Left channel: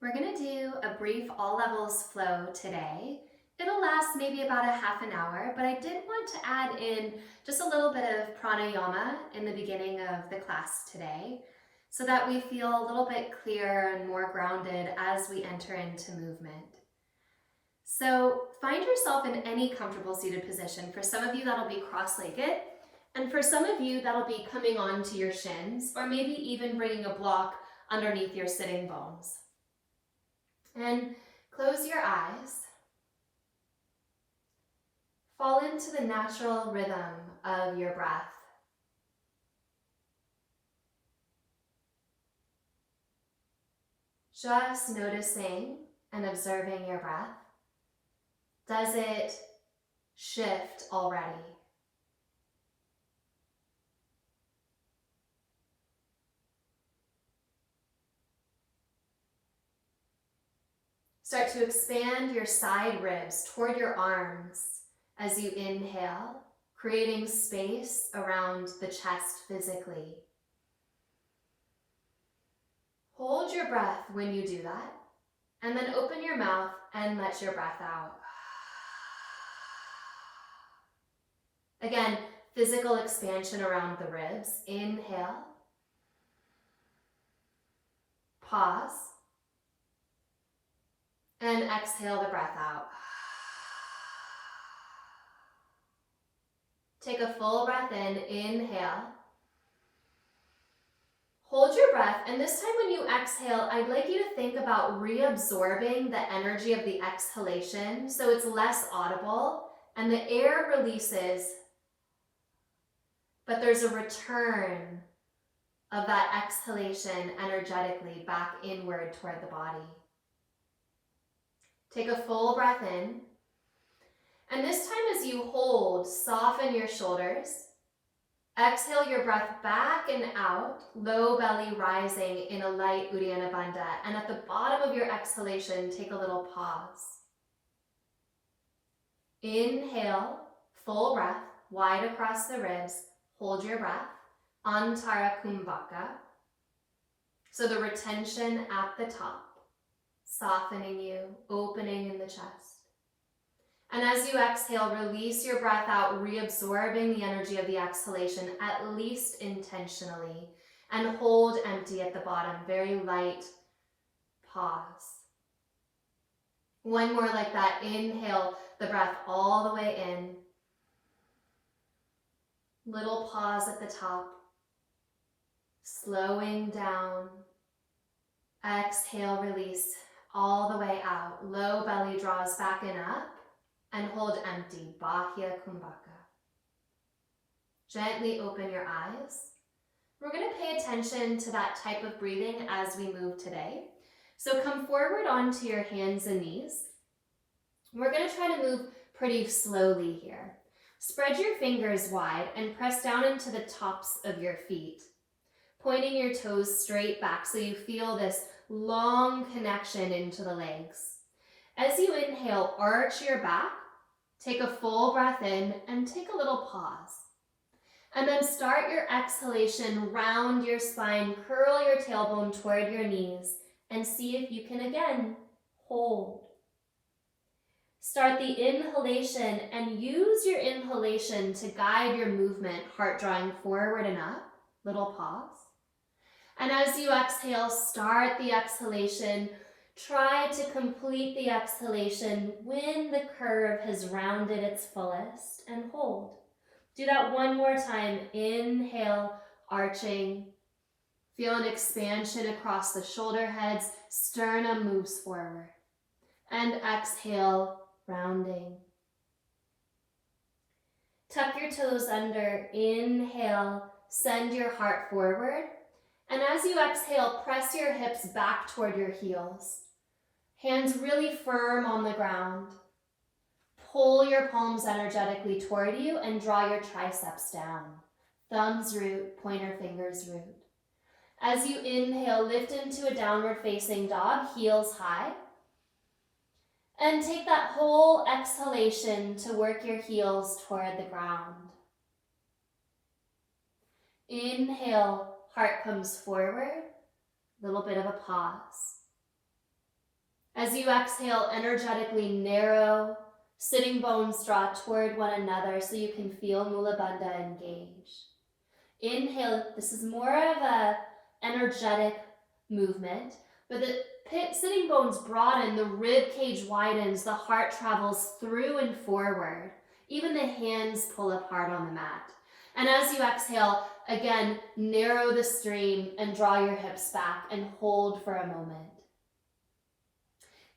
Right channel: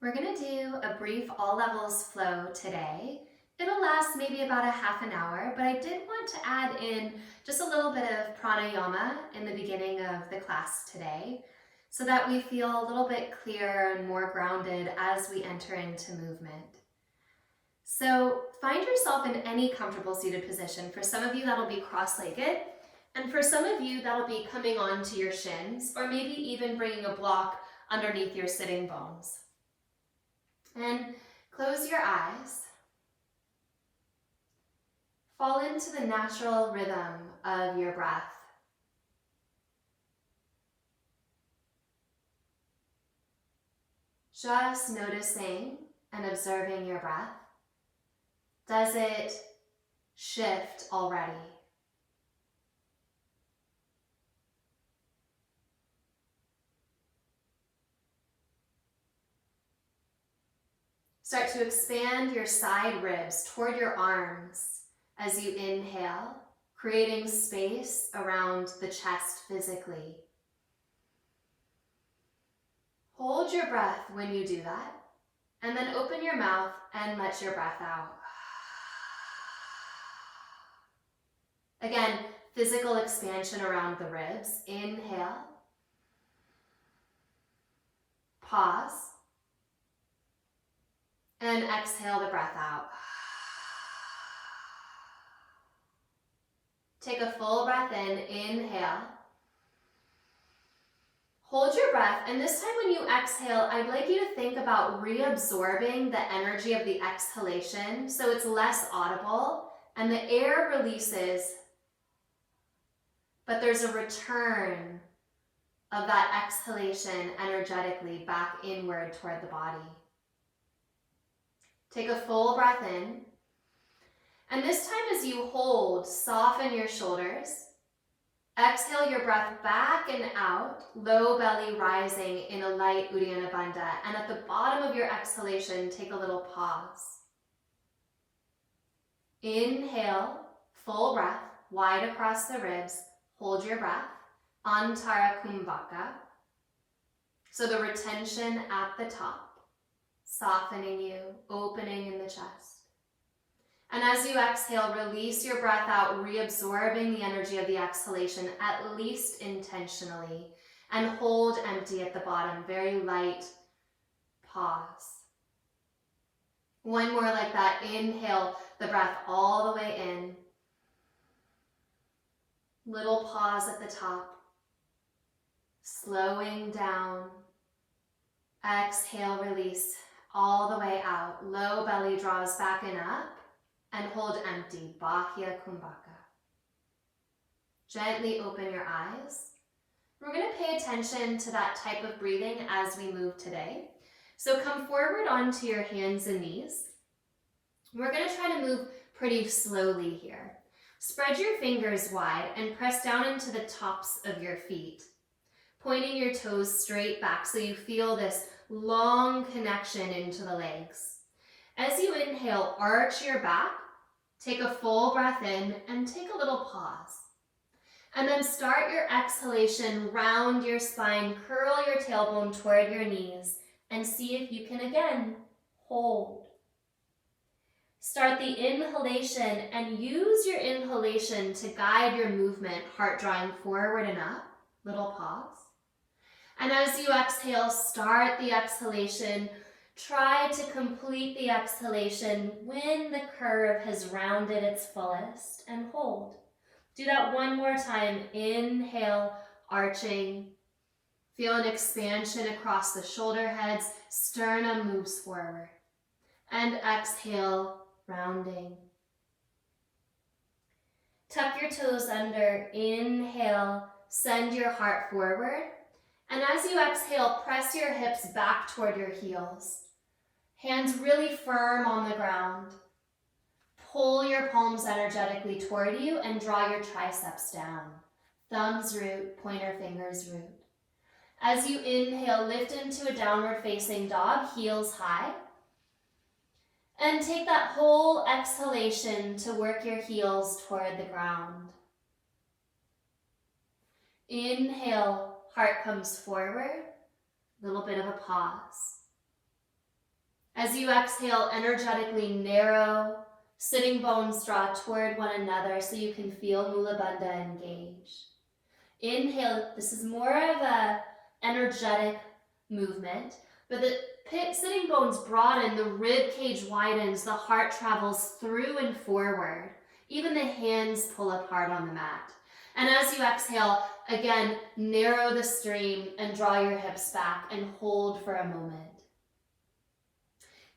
We're going to do a brief all levels flow today. It'll last maybe about a half an hour, but I did want to add in just a little bit of pranayama in the beginning of the class today so that we feel a little bit clearer and more grounded as we enter into movement. So find yourself in any comfortable seated position. For some of you, that'll be cross-legged, and for some of you, that'll be coming onto your shins or maybe even bringing a block underneath your sitting bones. And close your eyes. Fall into the natural rhythm of your breath. Just noticing and observing your breath. Does it shift already? Start to expand your side ribs toward your arms as you inhale, creating space around the chest physically. Hold your breath when you do that, and then open your mouth and let your breath out. Again, physical expansion around the ribs. Inhale. Pause. And exhale the breath out. Take a full breath in. Inhale. Hold your breath, and this time when you exhale, I'd like you to think about reabsorbing the energy of the exhalation so it's less audible and the air releases, but there's a return of that exhalation energetically back inward toward the body. Take a full breath in, and this time as you hold, soften your shoulders. Exhale your breath back and out, low belly rising in a light Uddiyana Bandha. And at the bottom of your exhalation, take a little pause. Inhale, full breath, wide across the ribs. Hold your breath. Antara Kumbhaka. So the retention at the top, softening you, opening in the chest. And as you exhale, release your breath out, reabsorbing the energy of the exhalation, at least intentionally, and hold empty at the bottom, very light pause. One more like that. Inhale the breath all the way in. Little pause at the top. Slowing down. Exhale, release all the way out. Low belly draws back and up. And hold empty, Bahya Kumbhaka. Gently open your eyes. We're going to pay attention to that type of breathing as we move today. So come forward onto your hands and knees. We're going to try to move pretty slowly here. Spread your fingers wide and press down into the tops of your feet, pointing your toes straight back so you feel this long connection into the legs. As you inhale, arch your back, take a full breath in, and take a little pause. And then start your exhalation, round your spine, curl your tailbone toward your knees, and see if you can again hold. Start the inhalation and use your inhalation to guide your movement, heart drawing forward and up, little pause. And as you exhale, start the exhalation. Try to complete the exhalation when the curve has rounded its fullest, and hold. Do that one more time. Inhale, arching. Feel an expansion across the shoulder heads. Sternum moves forward. And exhale, rounding. Tuck your toes under. Inhale, send your heart forward. And as you exhale, press your hips back toward your heels. Hands really firm on the ground. Pull your palms energetically toward you and draw your triceps down. Thumbs root, pointer fingers root. As you inhale, lift into a downward facing dog, heels high. And take that whole exhalation to work your heels toward the ground. Inhale, heart comes forward, little bit of a pause. As you exhale, energetically narrow, sitting bones draw toward one another so you can feel Mula Bandha engage. Inhale, this is more of a energetic movement, but the sitting bones broaden, the rib cage widens, the heart travels through and forward. Even the hands pull apart on the mat. And as you exhale, again, narrow the stream and draw your hips back and hold for a moment.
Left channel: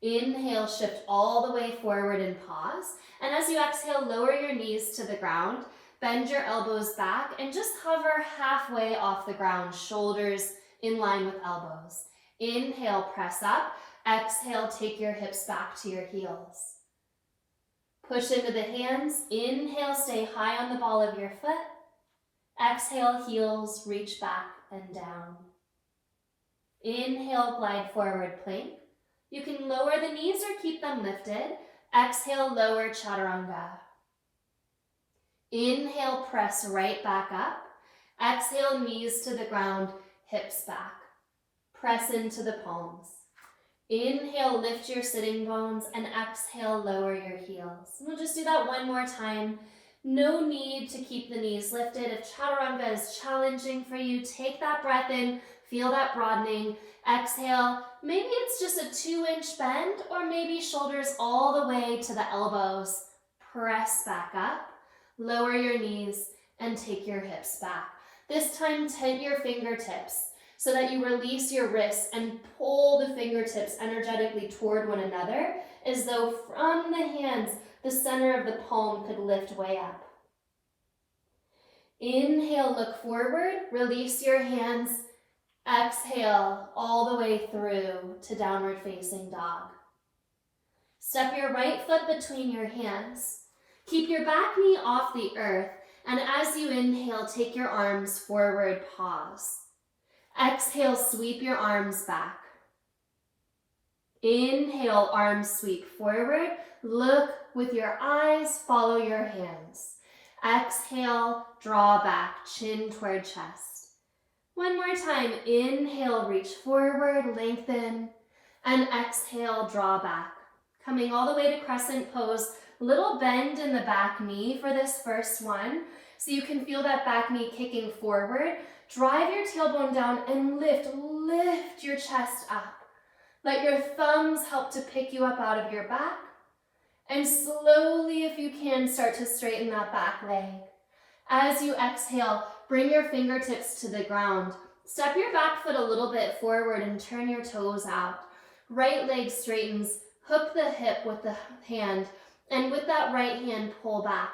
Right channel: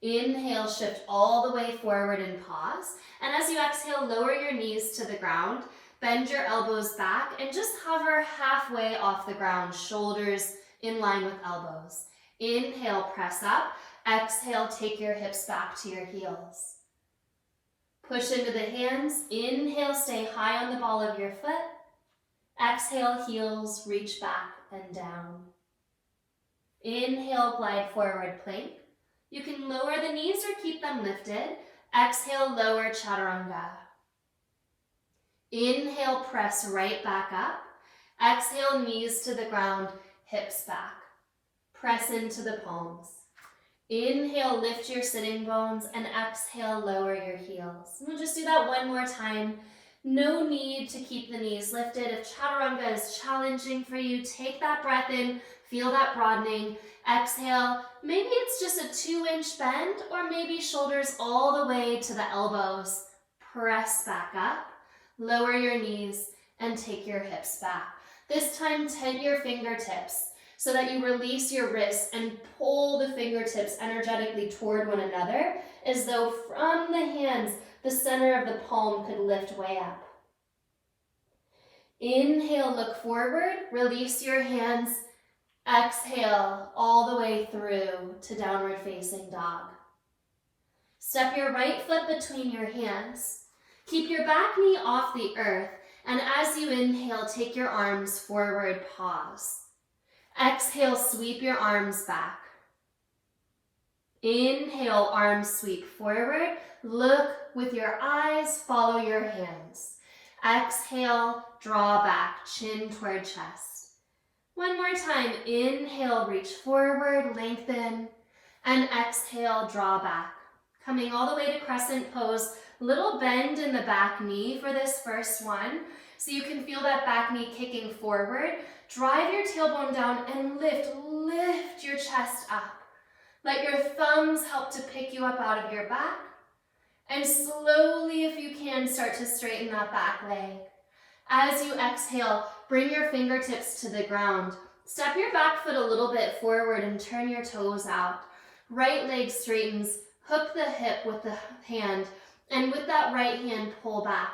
Inhale, shift all the way forward and pause. And as you exhale, lower your knees to the ground, bend your elbows back, and just hover halfway off the ground, shoulders in line with elbows. Inhale, press up. Exhale, take your hips back to your heels. Push into the hands. Inhale, stay high on the ball of your foot. Exhale, heels reach back and down. Inhale, glide forward plank. You can lower the knees or keep them lifted. Exhale, lower chaturanga. Inhale, press right back up. Exhale, knees to the ground, hips back. Press into the palms. Inhale, lift your sitting bones, and exhale, lower your heels. And we'll just do that one more time. No need to keep the knees lifted. If chaturanga is challenging for you, take that breath in, feel that broadening. Exhale, maybe it's just a 2-inch bend, or maybe shoulders all the way to the elbows. Press back up, lower your knees, and take your hips back. This time, tent your fingertips so that you release your wrists and pull the fingertips energetically toward one another, as though from the hands, the center of the palm could lift way up. Inhale, look forward, release your hands. Exhale all the way through to downward facing dog. Step your right foot between your hands. Keep your back knee off the earth, and as you inhale, take your arms forward, pause. Exhale, sweep your arms back. Inhale, arms sweep forward. Look with your eyes, follow your hands. Exhale, draw back, chin toward chest. One more time, inhale, reach forward, lengthen, and exhale, draw back. Coming all the way to crescent pose, little bend in the back knee for this first one, so you can feel that back knee kicking forward. Drive your tailbone down and lift your chest up. Let your thumbs help to pick you up out of your back. And slowly, if you can, start to straighten that back leg. As you exhale, bring your fingertips to the ground. Step your back foot a little bit forward and turn your toes out. Right leg straightens, hook the hip with the hand, and with that right hand, pull back.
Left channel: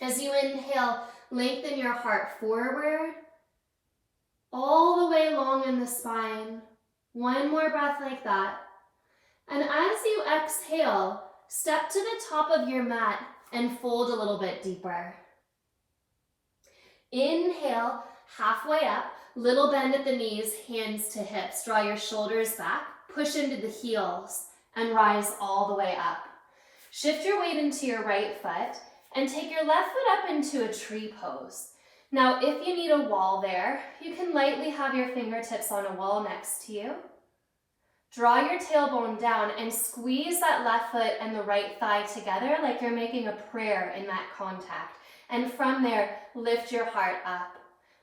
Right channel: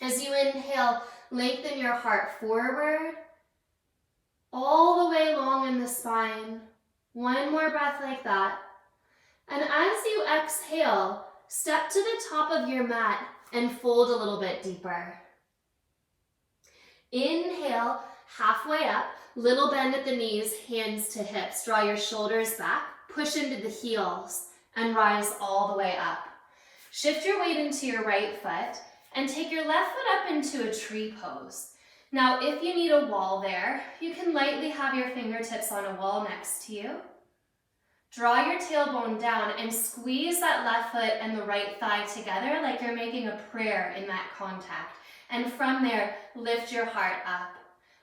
As you inhale, lengthen your heart forward, all the way long in the spine. One more breath like that. And as you exhale, step to the top of your mat and fold a little bit deeper. Inhale, halfway up, little bend at the knees, hands to hips. Draw your shoulders back, push into the heels, and rise all the way up. Shift your weight into your right foot and take your left foot up into a tree pose. Now, if you need a wall there, you can lightly have your fingertips on a wall next to you. Draw your tailbone down and squeeze that left foot and the right thigh together like you're making a prayer in that contact. And from there, lift your heart up.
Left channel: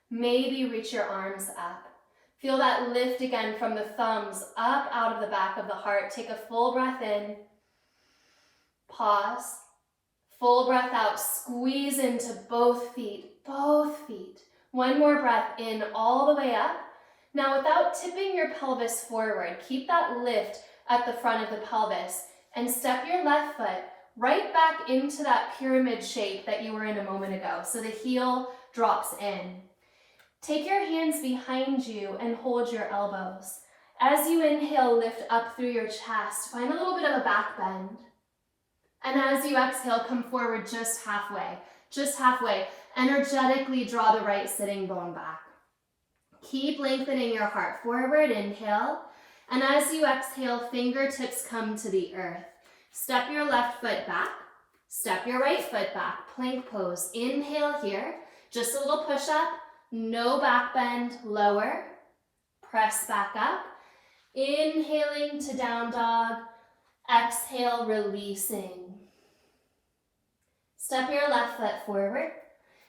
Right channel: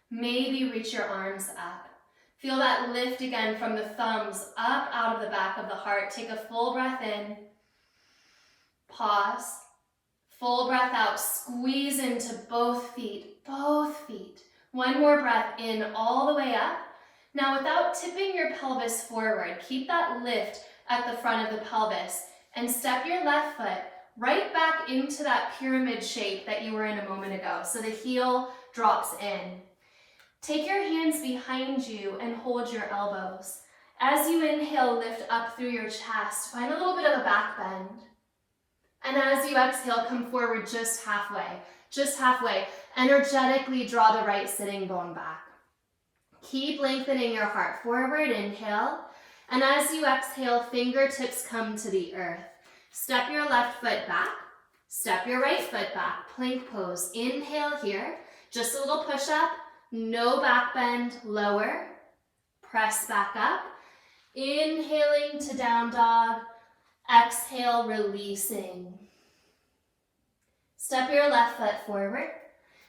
Maybe reach your arms up. Feel that lift again from the thumbs up out of the back of the heart. Take a full breath in. Pause. Full breath out. Squeeze into both feet. Both feet. One more breath in all the way up. Now, without tipping your pelvis forward, keep that lift at the front of the pelvis and step your left foot right back into that pyramid shape that you were in a moment ago. So the heel drops in. Take your hands behind you and hold your elbows. As you inhale, lift up through your chest. Find a little bit of a back bend. And as you exhale, come forward just halfway. Just halfway. Energetically draw the right sitting bone back. Keep lengthening your heart forward. Inhale. And as you exhale, fingertips come to the earth. Step your left foot back. Step your right foot back. Plank pose. Inhale here. Just a little push up. No back bend. Lower. Press back up. Inhaling to down dog. Exhale, releasing. Step your left foot forward.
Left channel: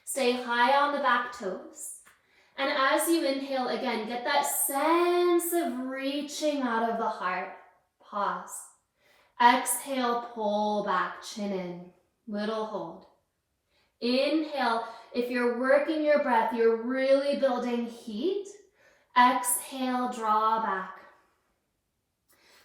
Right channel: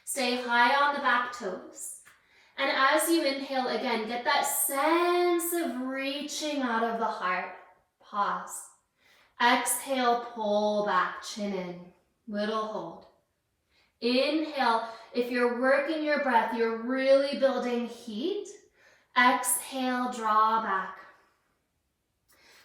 Stay high on the back toes. And as you inhale, again, get that sense of reaching out of the heart. Pause. Exhale, pull back, chin in. Little hold. Inhale, if you're working your breath, you're really building heat. Exhale, draw back.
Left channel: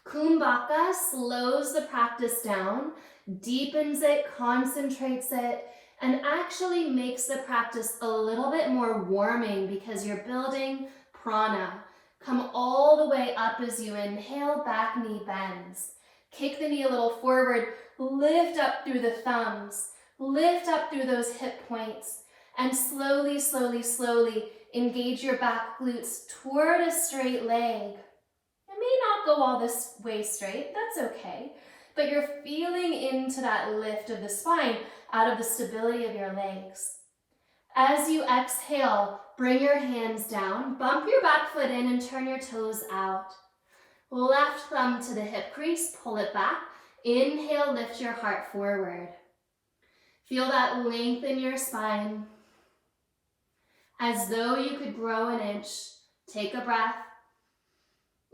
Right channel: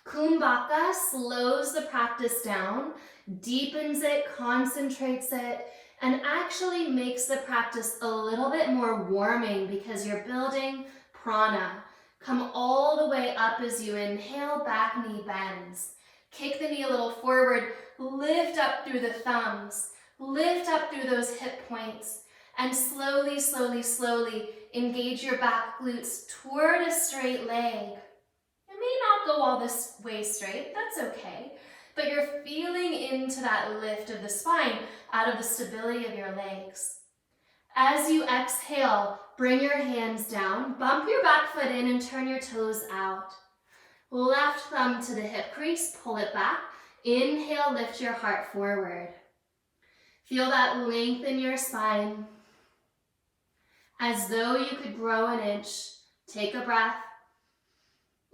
Kumbhaka slows the practice down, deepens it, concentrates it, and actually makes the practice a little bit more warming because you're building prana. Come all the way up as you inhale, back knee bends. Kick the knee a little forward, lift up through the thumbs, lift up through those hip points, and slowly, slowly, slowly engage your back glutes toward a straight leg. It may not go all this way straight, that's okay, but you're feeling into that lift of the spine out of the stability of your legs. As you exhale, bring your hands down, bump your back foot in and turn your toes out. Left thumb to the hip crease, pull it back. Inhale, lift your heart forward. Feel that length in your spine. As though you could grow an inch, take a breath.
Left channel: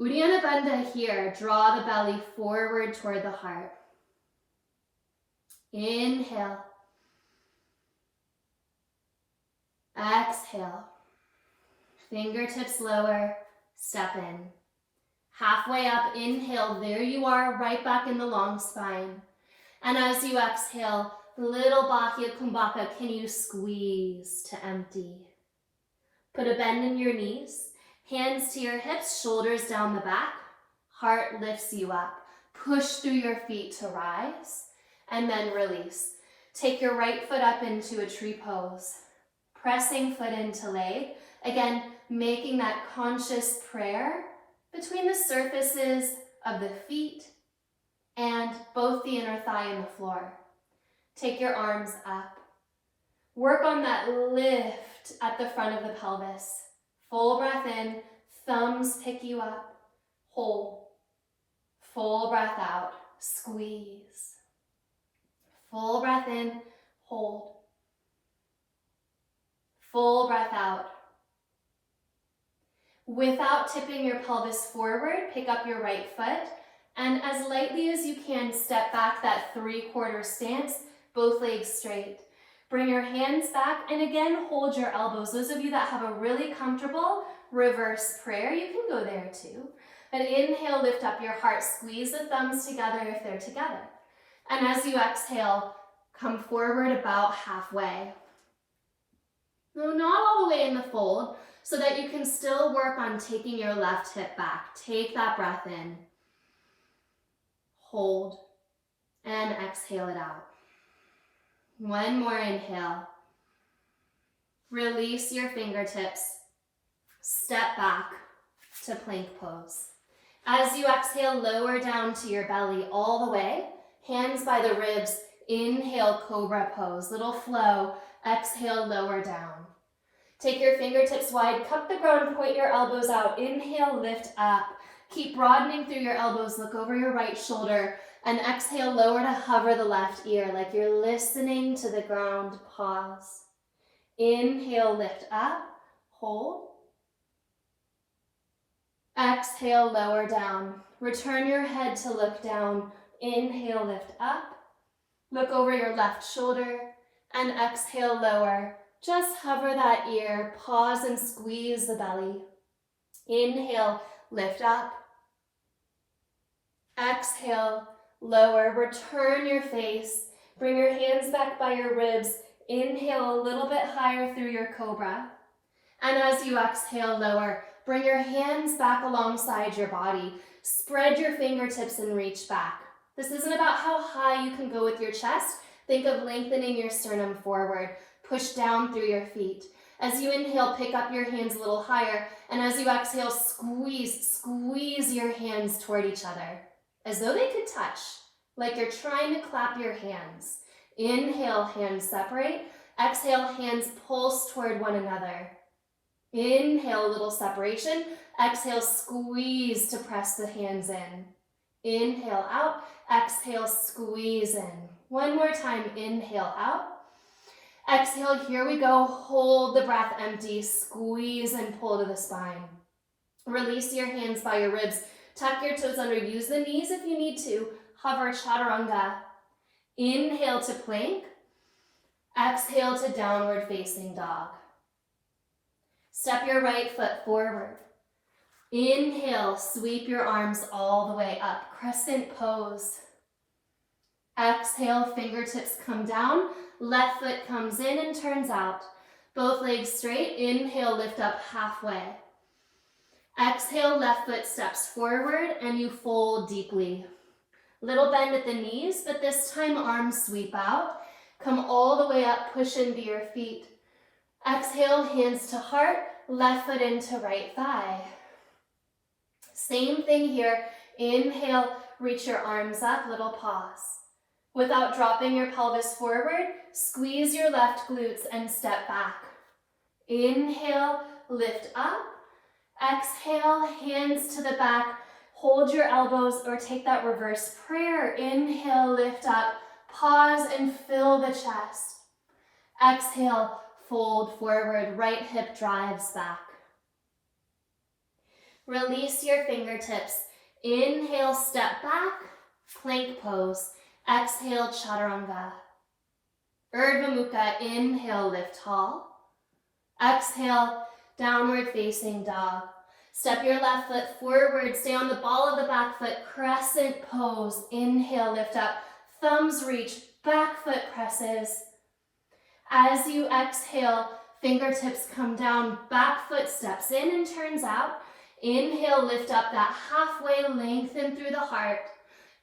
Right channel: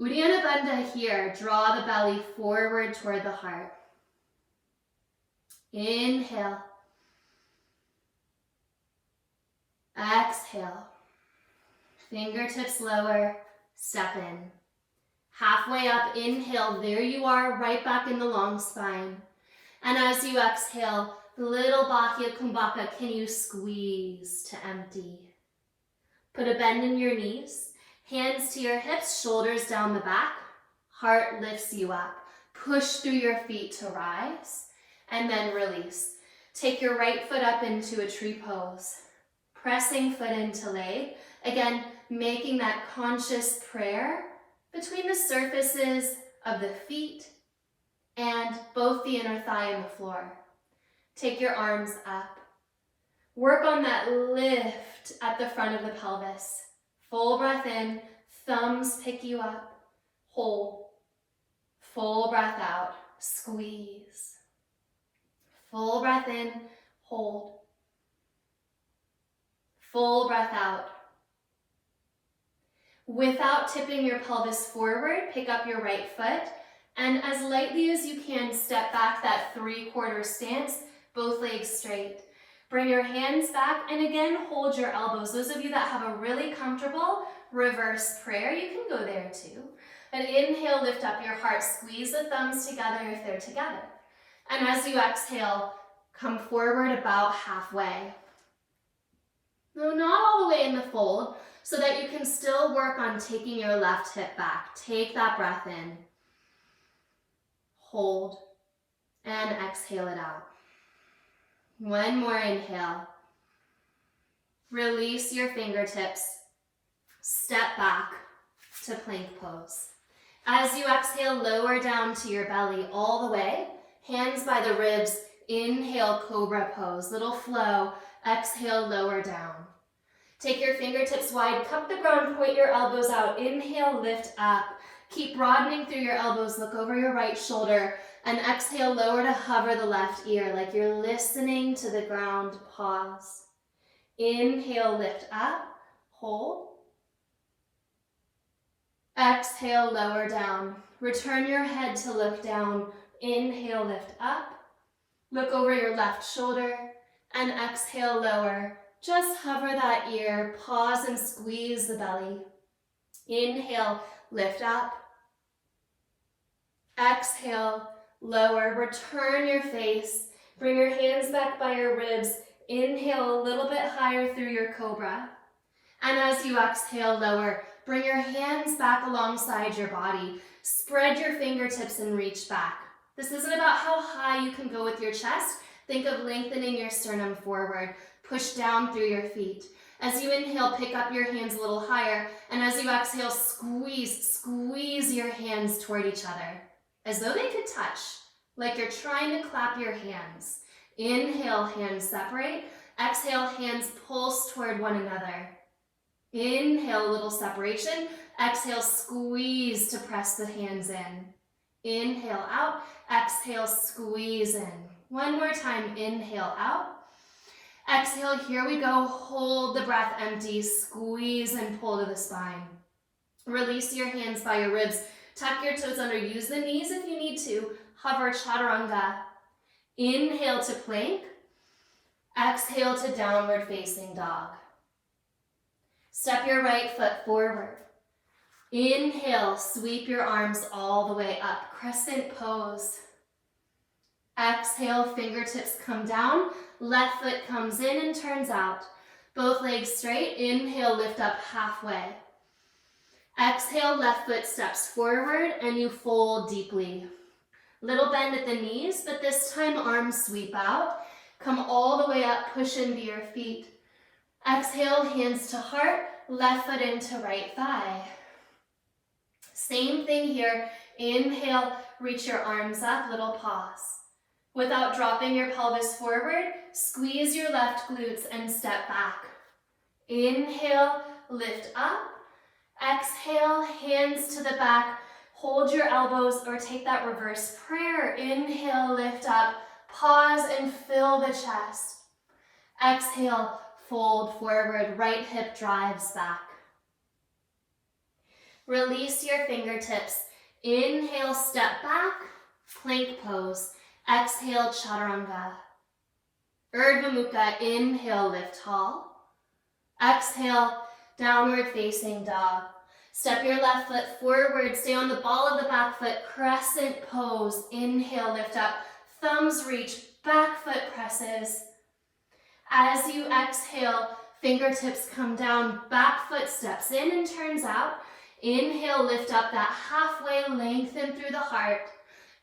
Uddiyana Bandha here, draw the belly forward toward the heart. Inhale. Exhale. Fingertips lower, step in. Halfway up, inhale, there you are, right back in the long spine. And as you exhale, little Bahya Kumbhaka, can you squeeze to empty? Put a bend in your knees, hands to your hips, shoulders down the back, heart lifts you up. Push through your feet to rise, and then release. Take your right foot up into a tree pose, pressing foot into leg. Again, making that conscious prayer between the surfaces of the feet and both the inner thigh and the floor. Take your arms up. Work on that lift at the front of the pelvis. Full breath in, thumbs pick you up. Hold. Full breath out, squeeze. Full breath in, hold. Full breath out. Without tipping your pelvis forward, pick up your right foot, and as lightly as you can, step back that 3/4 stance, both legs straight. Bring your hands back, and again, hold your elbows. Those of you that have a really comfortable reverse prayer, you can go there too. But inhale, lift up your heart, squeeze the thumbs together if they're together. And as you exhale, come forward about halfway. No, not all the way in the fold, so that you can still work on taking your left hip back. Take that breath in. Hold. And exhale it out. One more inhale. Release your fingertips. Step back to plank pose. As you exhale, lower down to your belly all the way. Hands by the ribs. Inhale, cobra pose. Little flow. Exhale, lower down. Take your fingertips wide, cup the ground, point your elbows out. Inhale, lift up. Keep broadening through your elbows, look over your right shoulder, and exhale, lower to hover the left ear like you're listening to the ground. Pause. Inhale, lift up, hold. Exhale, lower down. Return your head to look down. Inhale, lift up. Look over your left shoulder, and exhale, lower. Just hover that ear, pause and squeeze the belly. Inhale, lift up. Exhale, lower. Return your face. Bring your hands back by your ribs. Inhale a little bit higher through your cobra. And as you exhale, lower. Bring your hands back alongside your body. Spread your fingertips and reach back. This isn't about how high you can go with your chest. Think of lengthening your sternum forward. Push down through your feet. As you inhale, pick up your hands a little higher. And as you exhale, squeeze your hands toward each other. As though they could touch, like you're trying to clap your hands. Inhale, hands separate. Exhale, hands pulse toward one another. Inhale, a little separation. Exhale, squeeze to press the hands in. Inhale out, exhale, squeeze in. One more time, inhale out. Exhale, here we go. Hold the breath empty, squeeze and pull to the spine. Release your hands by your ribs. Tuck your toes under, use the knees if you need to. Hover chaturanga. Inhale to plank. Exhale to downward facing dog. Step your right foot forward. Inhale, sweep your arms all the way up. Crescent pose. Exhale, fingertips come down. Left foot comes in and turns out. Both legs straight. Inhale, lift up halfway. Exhale, left foot steps forward and you fold deeply. Little bend at the knees, but this time arms sweep out. Come all the way up, push into your feet. Exhale, hands to heart, left foot into right thigh. Same thing here. Inhale, reach your arms up, little pause. Without dropping your pelvis forward, squeeze your left glutes and step back. Inhale, lift up. Exhale, hands to the back. Hold your elbows or take that reverse prayer. Inhale, lift up. Pause and fill the chest. Exhale, fold forward. Right hip drives back. Release your fingertips. Inhale, step back. Plank pose. Exhale, chaturanga. Urdhva Mukha, inhale, lift tall. Exhale, downward facing dog. Step your left foot forward, stay on the ball of the back foot, crescent pose. Inhale, lift up, thumbs reach, back foot presses. As you exhale, fingertips come down, back foot steps in and turns out. Inhale, lift up that halfway, lengthen through the heart.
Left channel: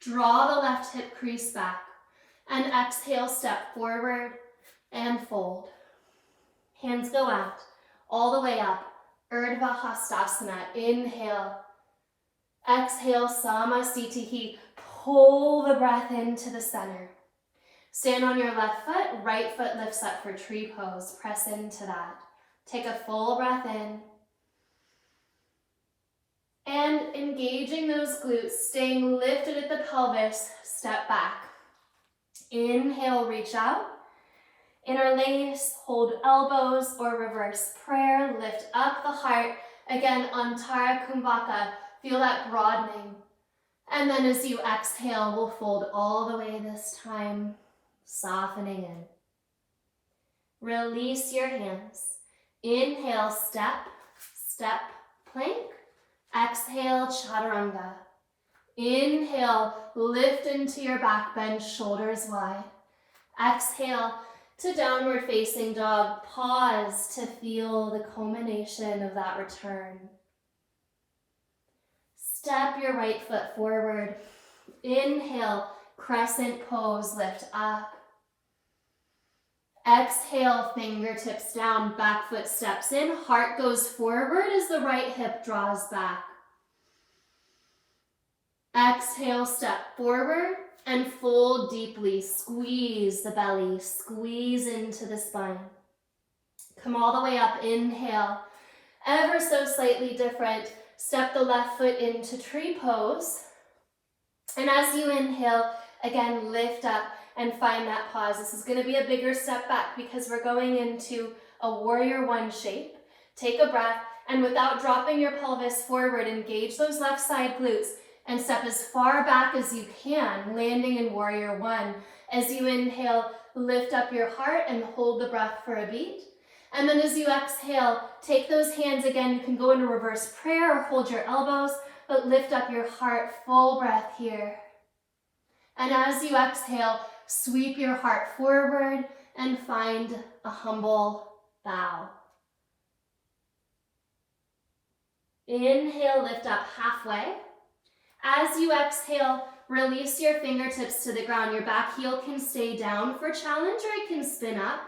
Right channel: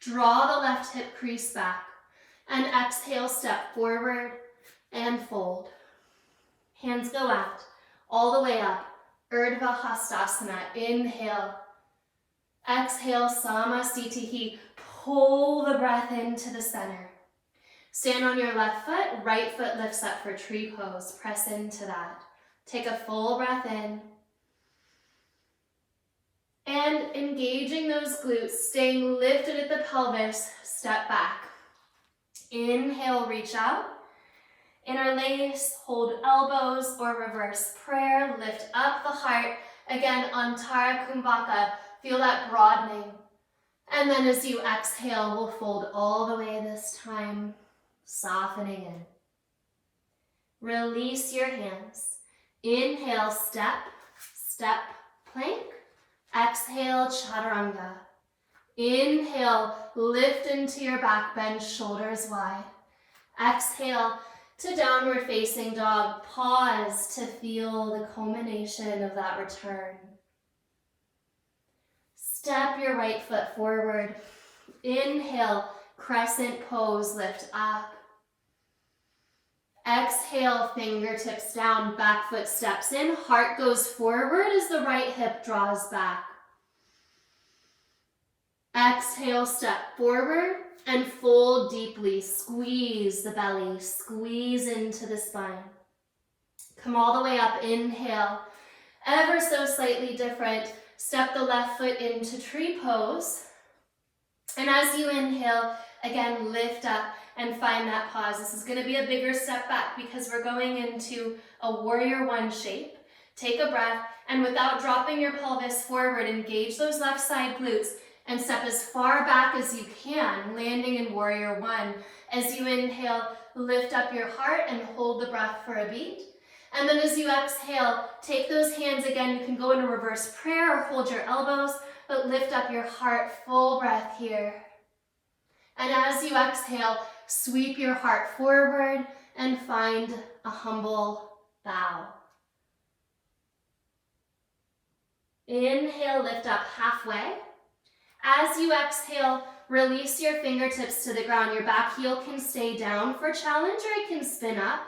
Draw the left hip crease back. And exhale, step forward and fold. Hands go out, all the way up. Urdhva Hastasana, inhale. Exhale, Samasthiti. Pull the breath into the center. Stand on your left foot, right foot lifts up for tree pose. Press into that. Take a full breath in. And engaging those glutes, staying lifted at the pelvis, step back. Inhale, reach out. Interlace, hold elbows or reverse prayer, lift up the heart. Again, Antara Kumbhaka, feel that broadening. And then as you exhale, we'll fold all the way this time, softening in. Release your hands. Inhale, step, step, plank. Exhale, chaturanga. Inhale, lift into your back, bend shoulders wide. Exhale to downward facing dog. Pause to feel the culmination of that return. Step your right foot forward. Inhale, crescent pose, lift up. Exhale, fingertips down, back foot steps in, heart goes forward as the right hip draws back. Exhale, step forward and fold deeply. Squeeze the belly, squeeze into the spine. Come all the way up, inhale. Ever so slightly different. Step the left foot into tree pose. And as you inhale, again, lift up and find that pause. This is going to be a bigger step back because we're going into a warrior one shape. Take a breath and without dropping your pelvis forward, engage those left side glutes and step as far back as you can, landing in warrior one. As you inhale, lift up your heart and hold the breath for a beat. And then as you exhale, take those hands again. You can go into reverse prayer or hold your elbows, but lift up your heart, full breath here. And as you exhale, sweep your heart forward and find a humble bow. Inhale, lift up halfway. As you exhale, release your fingertips to the ground. Your back heel can stay down for challenge or it can spin up.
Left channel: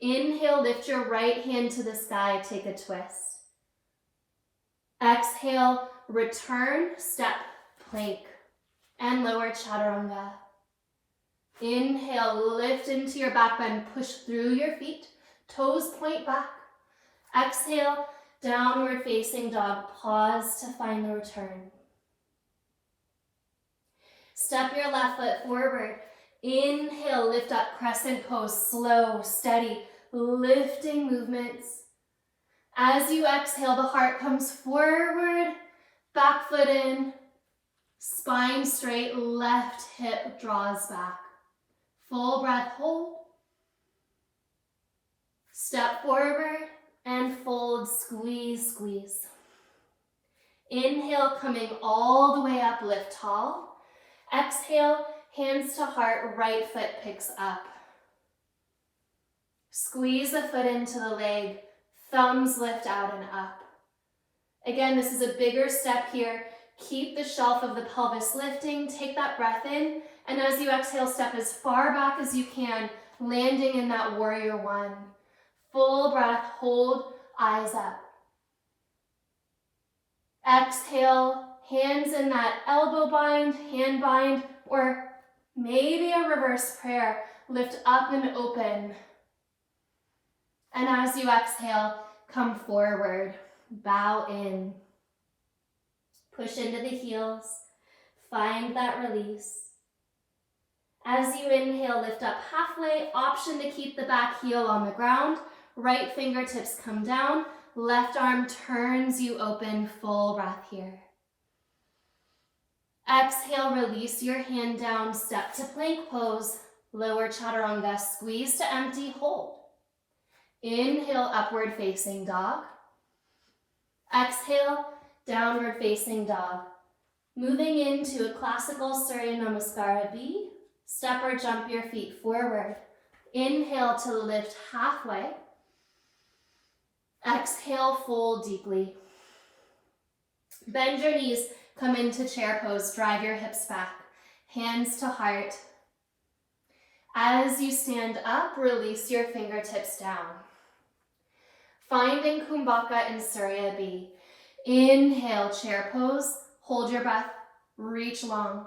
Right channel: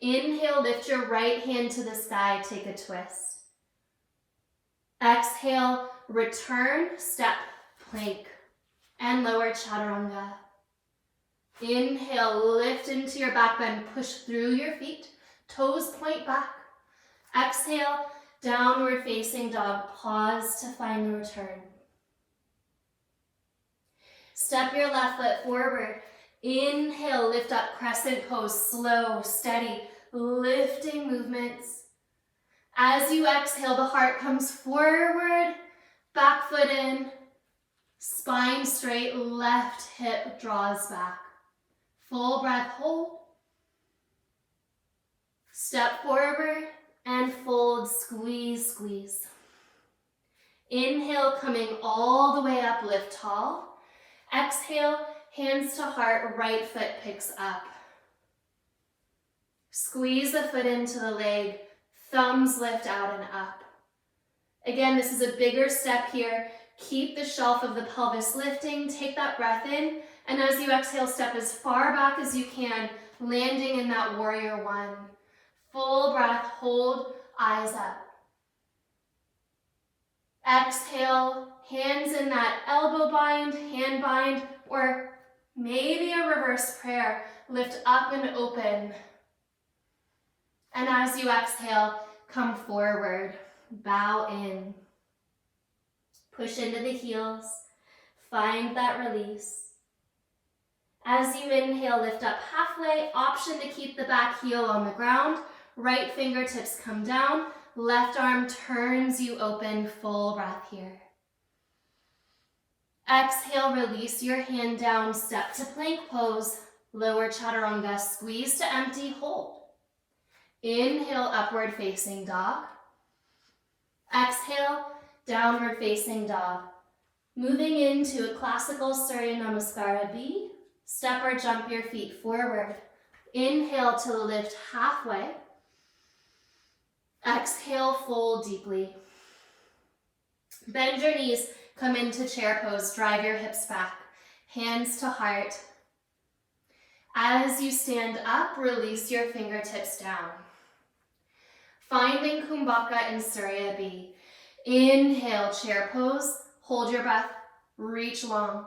Inhale, lift your right hand to the sky, take a twist. Exhale, return, step, plank, and lower chaturanga. Inhale, lift into your back bend, push through your feet, toes point back. Exhale, Downward facing dog, pause to find the return. Step your left foot forward. Inhale, lift up, crescent pose, slow, steady, lifting movements. As you exhale, the heart comes forward, back foot in, spine straight, left hip draws back. Full breath, hold. Step forward and fold, squeeze, squeeze. Inhale, coming all the way up, lift tall. Exhale, hands to heart, right foot picks up. Squeeze the foot into the leg, thumbs lift out and up. Again, this is a bigger step here. Keep the shelf of the pelvis lifting, take that breath in, and as you exhale, step as far back as you can, landing in that warrior one. Full breath, hold, eyes up. Exhale, hands in that elbow bind, hand bind, or maybe a reverse prayer. Lift up and open. And as you exhale, come forward, bow in. Push into the heels, find that release. As you inhale, lift up halfway, option to keep the back heel on the ground. Right fingertips come down, left arm turns you open, full breath here. Exhale, release your hand down, step to plank pose, lower chaturanga, squeeze to empty, hold. Inhale, upward facing dog. Exhale, downward facing dog. Moving into a classical Surya Namaskara B, step or jump your feet forward. Inhale to lift halfway. Exhale, fold deeply. Bend your knees, come into chair pose, drive your hips back, hands to heart. As you stand up, release your fingertips down. Finding Kumbhaka in Surya B. Inhale, chair pose, hold your breath, reach long.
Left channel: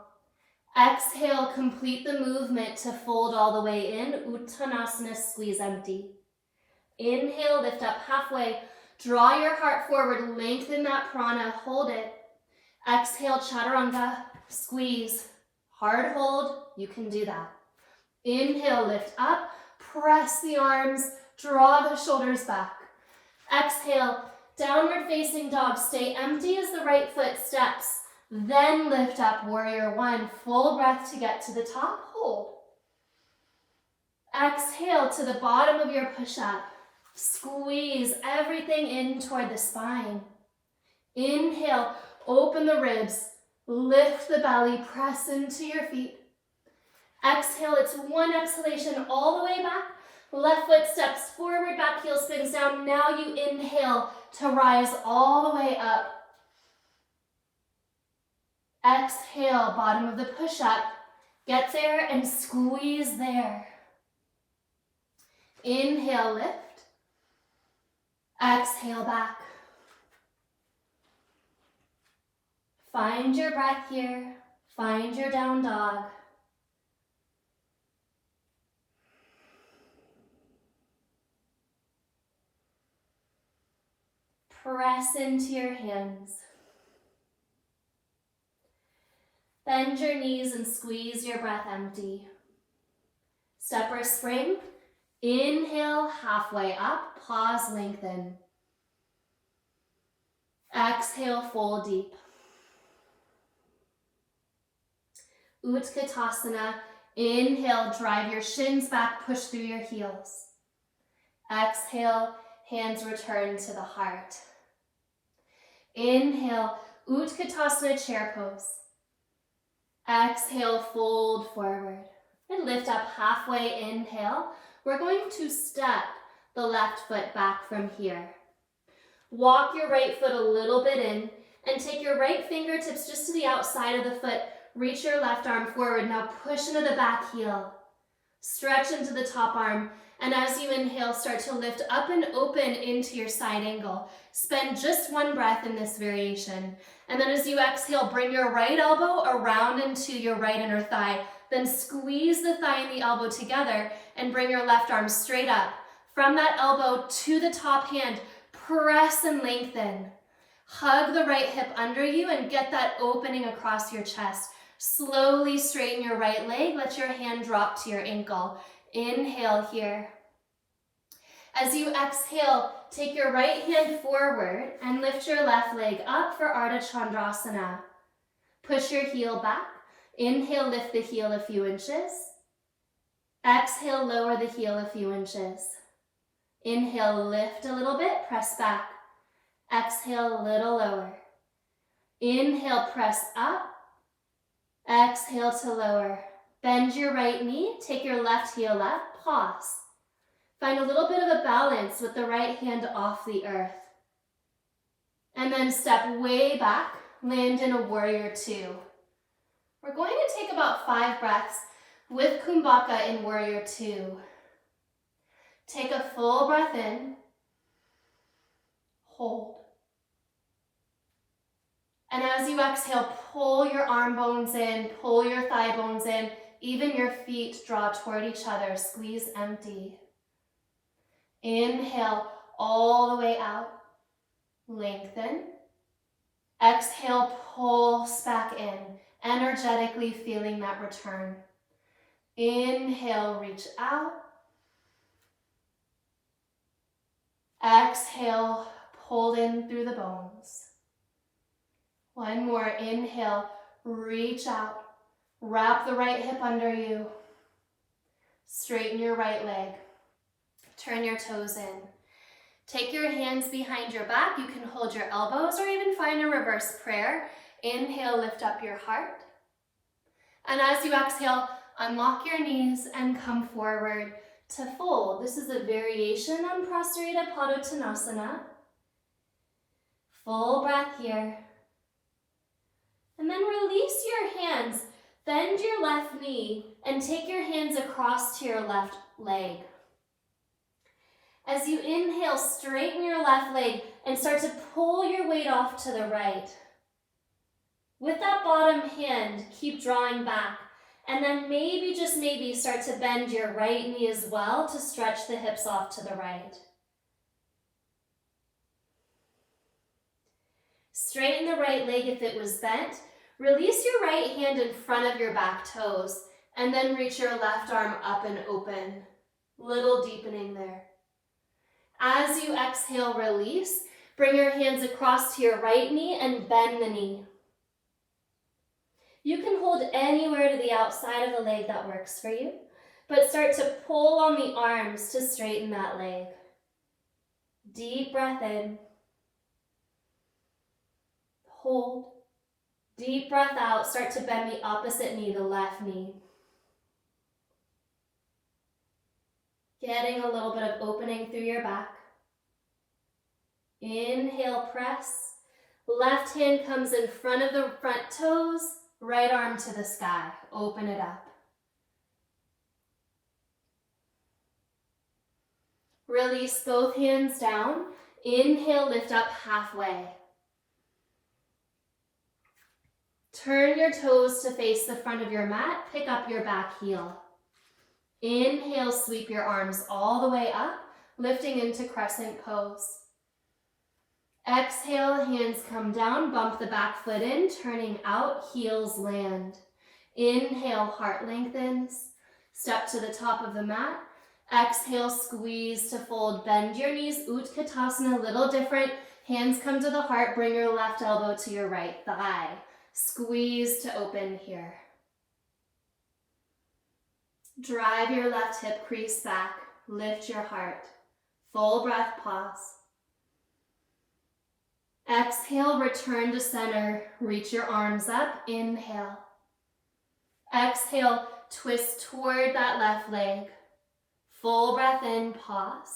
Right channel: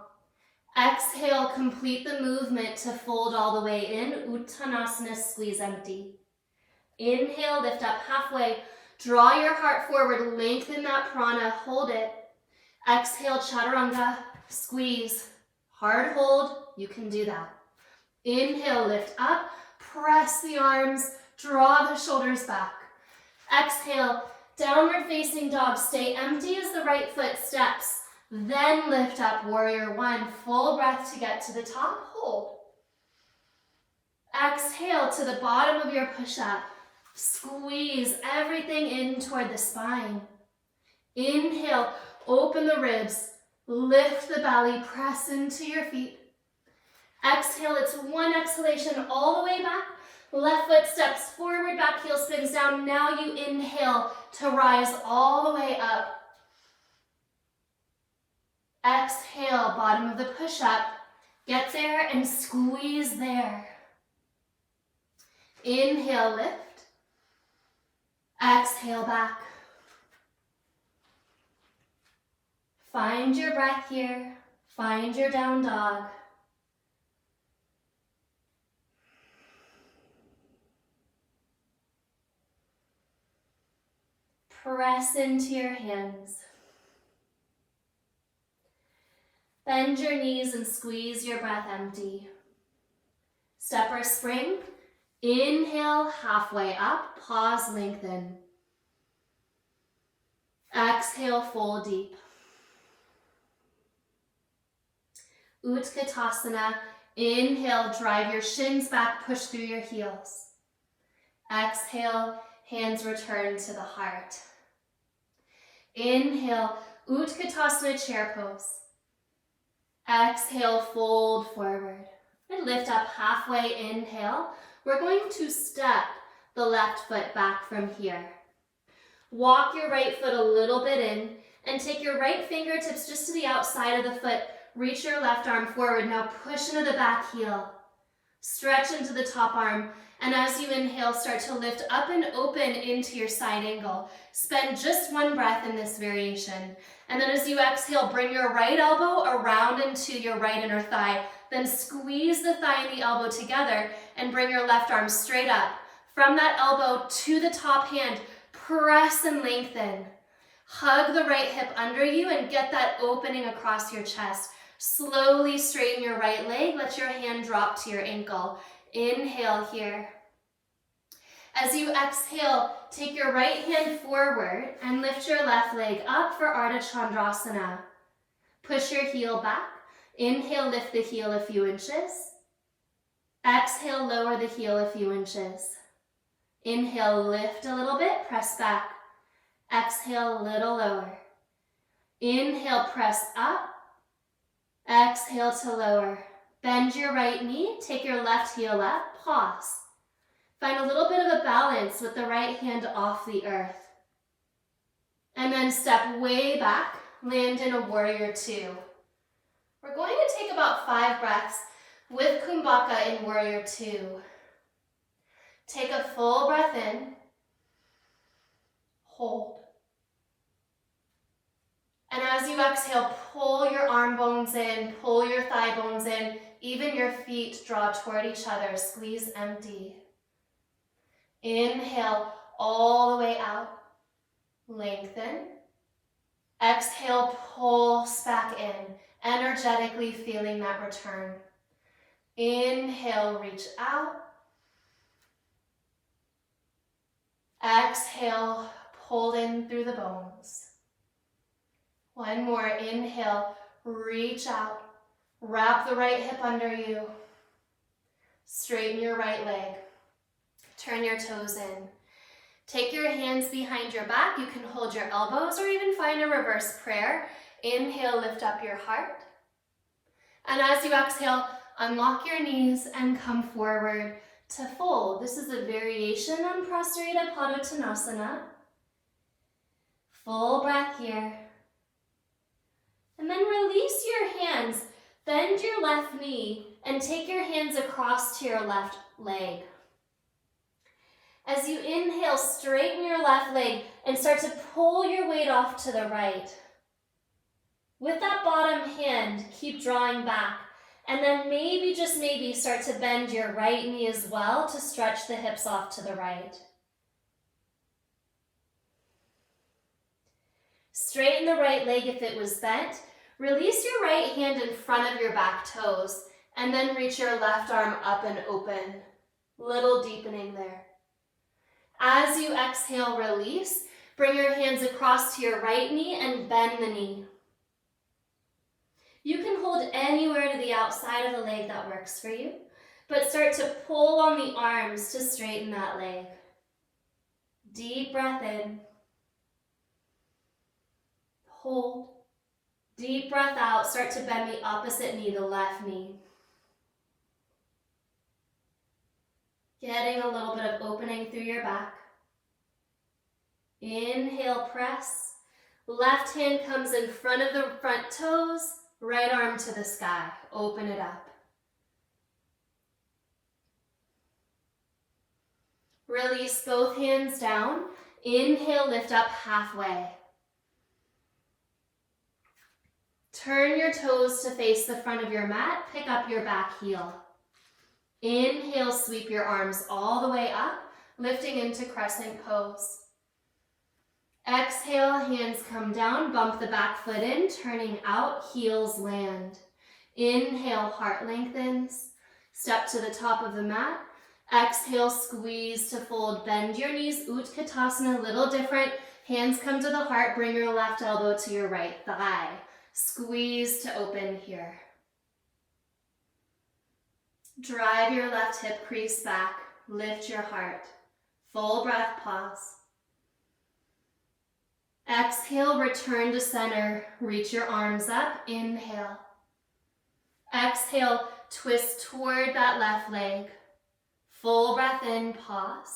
Exhale, complete the movement to fold all the way in, Uttanasana, squeeze empty. Inhale, lift up halfway, draw your heart forward, lengthen that prana, hold it. Exhale, chaturanga, squeeze, hard hold, you can do that. Inhale, lift up, press the arms, draw the shoulders back. Exhale, downward facing dog, stay empty as the right foot steps, then lift up, warrior one, full breath to get to the top, hold. Exhale to the bottom of your push-up. Squeeze everything in toward the spine. Inhale, open the ribs, lift the belly, press into your feet. Exhale, it's one exhalation all the way back. Left foot steps forward, back heel spins down. Now you inhale to rise all the way up. Exhale, bottom of the push-up. Get there and squeeze there. Inhale, lift. Exhale, back. Find your breath here. Find your down dog. Press into your hands. Bend your knees and squeeze your breath empty. Step or spring. Inhale, halfway up, pause, lengthen. Exhale, fold deep. Utkatasana, inhale, drive your shins back, push through your heels. Exhale, hands return to the heart. Inhale, Utkatasana, chair pose. Exhale, fold forward. And lift up halfway, inhale. We're going to step the left foot back from here. Walk your right foot a little bit in and take your right fingertips just to the outside of the foot. Reach your left arm forward. Now push into the back heel. Stretch into the top arm. And as you inhale, start to lift up and open into your side angle. Spend just one breath in this variation. And then as you exhale, bring your right elbow around into your right inner thigh. Then squeeze the thigh and the elbow together and bring your left arm straight up. From that elbow to the top hand, Press and lengthen. Hug the right hip under you and get that opening across your chest. Slowly straighten your right leg. Let your hand drop to your ankle. Inhale here. As you exhale, take your right hand forward and lift your left leg up for Ardha Chandrasana. Push your heel back. Inhale, lift the heel a few inches. Exhale, lower the heel a few inches. Inhale, lift a little bit, press back. Exhale, a little lower. Inhale, press up. Exhale to lower. Bend your right knee, take your left heel up, pause. Find a little bit of a balance with the right hand off the earth. And then step way back, land in a warrior two. We're going to take about 5 breaths with Kumbhaka in warrior two. Take a full breath in, hold. And as you exhale, pull your arm bones in, pull your thigh bones in, even your feet draw toward each other, squeeze empty. Inhale all the way out, lengthen. Exhale, pulse back in, energetically feeling that return. Inhale, reach out. Exhale, pull in through the bones. One more, inhale, reach out. Wrap the right hip under you. Straighten your right leg. Turn your toes in. Take your hands behind your back. You can hold your elbows or even find a reverse prayer. Inhale, lift up your heart. And as you exhale, unlock your knees and come forward to fold. This is a variation on Prostrata Padottanasana. Full breath here. And then release your hands. Bend your left knee and take your hands across to your left leg. As you inhale, straighten your left leg and start to pull your weight off to the right. With that bottom hand, keep drawing back. And then maybe, just maybe, start to bend your right knee as well to stretch the hips off to the right. Straighten the right leg if it was bent. Release your right hand in front of your back toes and then reach your left arm up and open. Little deepening there. As you exhale, release. Bring your hands across to your right knee and bend the knee. You can hold anywhere to the outside of the leg that works for you, but start to pull on the arms to straighten that leg. Deep breath in. Hold. Deep breath out. Start to bend the opposite knee, the left knee. Getting a little bit of opening through your back. Inhale, press. Left hand comes in front of the front toes. Right arm to the sky. Open it up. Release both hands down. Inhale, lift up halfway. Turn your toes to face the front of your mat. Pick up your back heel. Inhale, sweep your arms all the way up, lifting into crescent pose. Exhale, hands come down, bump the back foot in, turning out, heels land. Inhale, heart lengthens. Step to the top of the mat. Exhale, squeeze to fold. Bend your knees, Utkatasana, a little different. Hands come to the heart, bring your left elbow to your right thigh. Squeeze to open here. Drive your left hip crease back. Lift your heart. Full breath, pause. Exhale, return to center. Reach your arms up. Inhale. Exhale, twist toward that left leg. Full breath in, pause.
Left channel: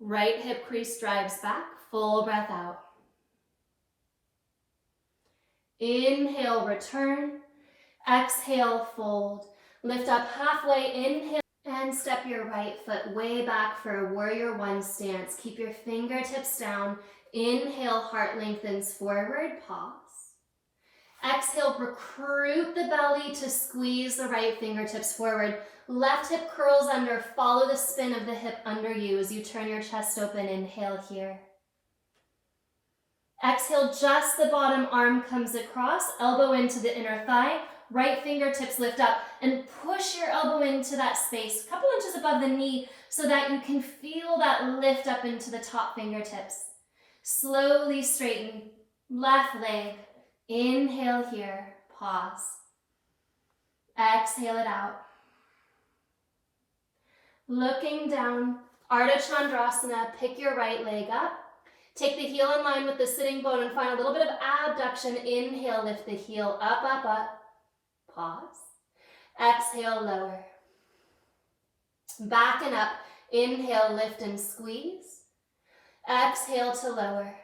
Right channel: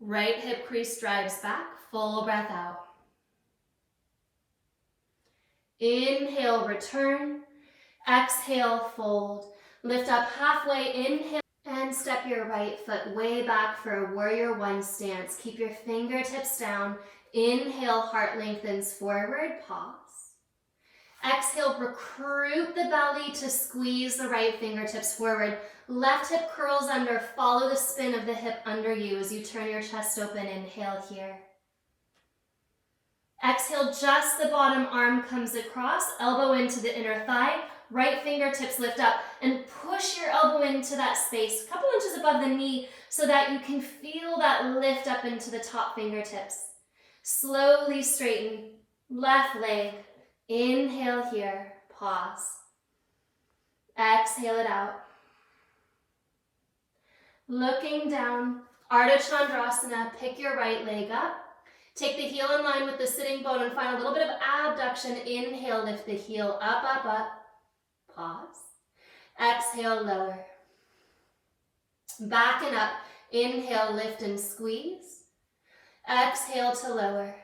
Right hip crease drives back. Full breath out. Inhale, return. Exhale, fold. Lift up halfway, inhale, and step your right foot way back for a warrior one stance. Keep your fingertips down. Inhale, heart lengthens forward, pause. Exhale, recruit the belly to squeeze the right fingertips forward. Left hip curls under. Follow the spin of the hip under you as you turn your chest open. Inhale here. Exhale, just the bottom arm comes across, elbow into the inner thigh, right fingertips lift up, and push your elbow into that space, a couple inches above the knee, so that you can feel that lift up into the top fingertips. Slowly straighten, left leg, inhale here, pause. Exhale it out. Looking down, Ardha Chandrasana, pick your right leg up. Take the heel in line with the sitting bone and find a little bit of abduction. Inhale, lift the heel up, up, up. Pause. Exhale, lower. Back and up. Inhale, lift and squeeze. Exhale to lower.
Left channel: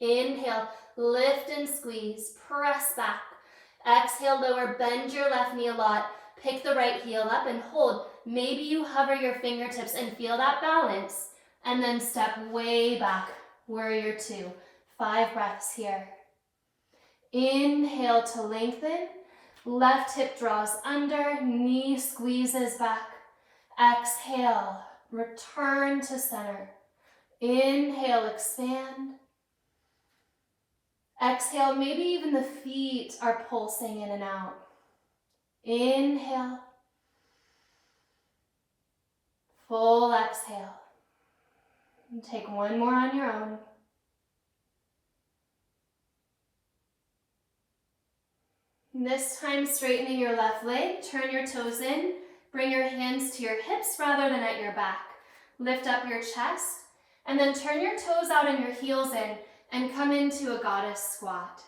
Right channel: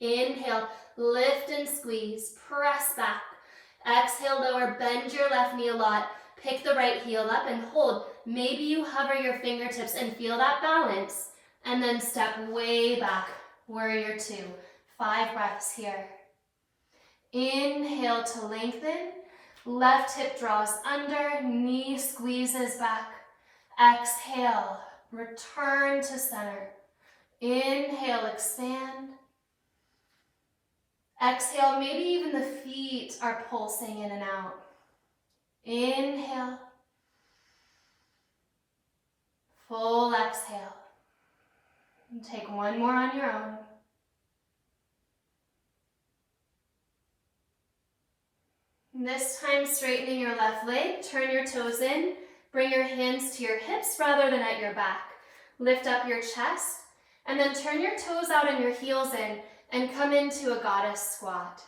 Inhale, lift and squeeze. Press back. Exhale, lower. Bend your left knee a lot. Pick the right heel up and hold. Maybe you hover your fingertips and feel that balance. And then step way back. Warrior two. 5 breaths here. Inhale to lengthen. Left hip draws under. Knee squeezes back. Exhale. Return to center. Inhale, expand. Exhale, maybe even the feet are pulsing in and out. Inhale. Full exhale. And take one more on your own. And this time, straightening your left leg, turn your toes in, bring your hands to your hips rather than at your back. Lift up your chest, and then turn your toes out and your heels in, and come into a goddess squat.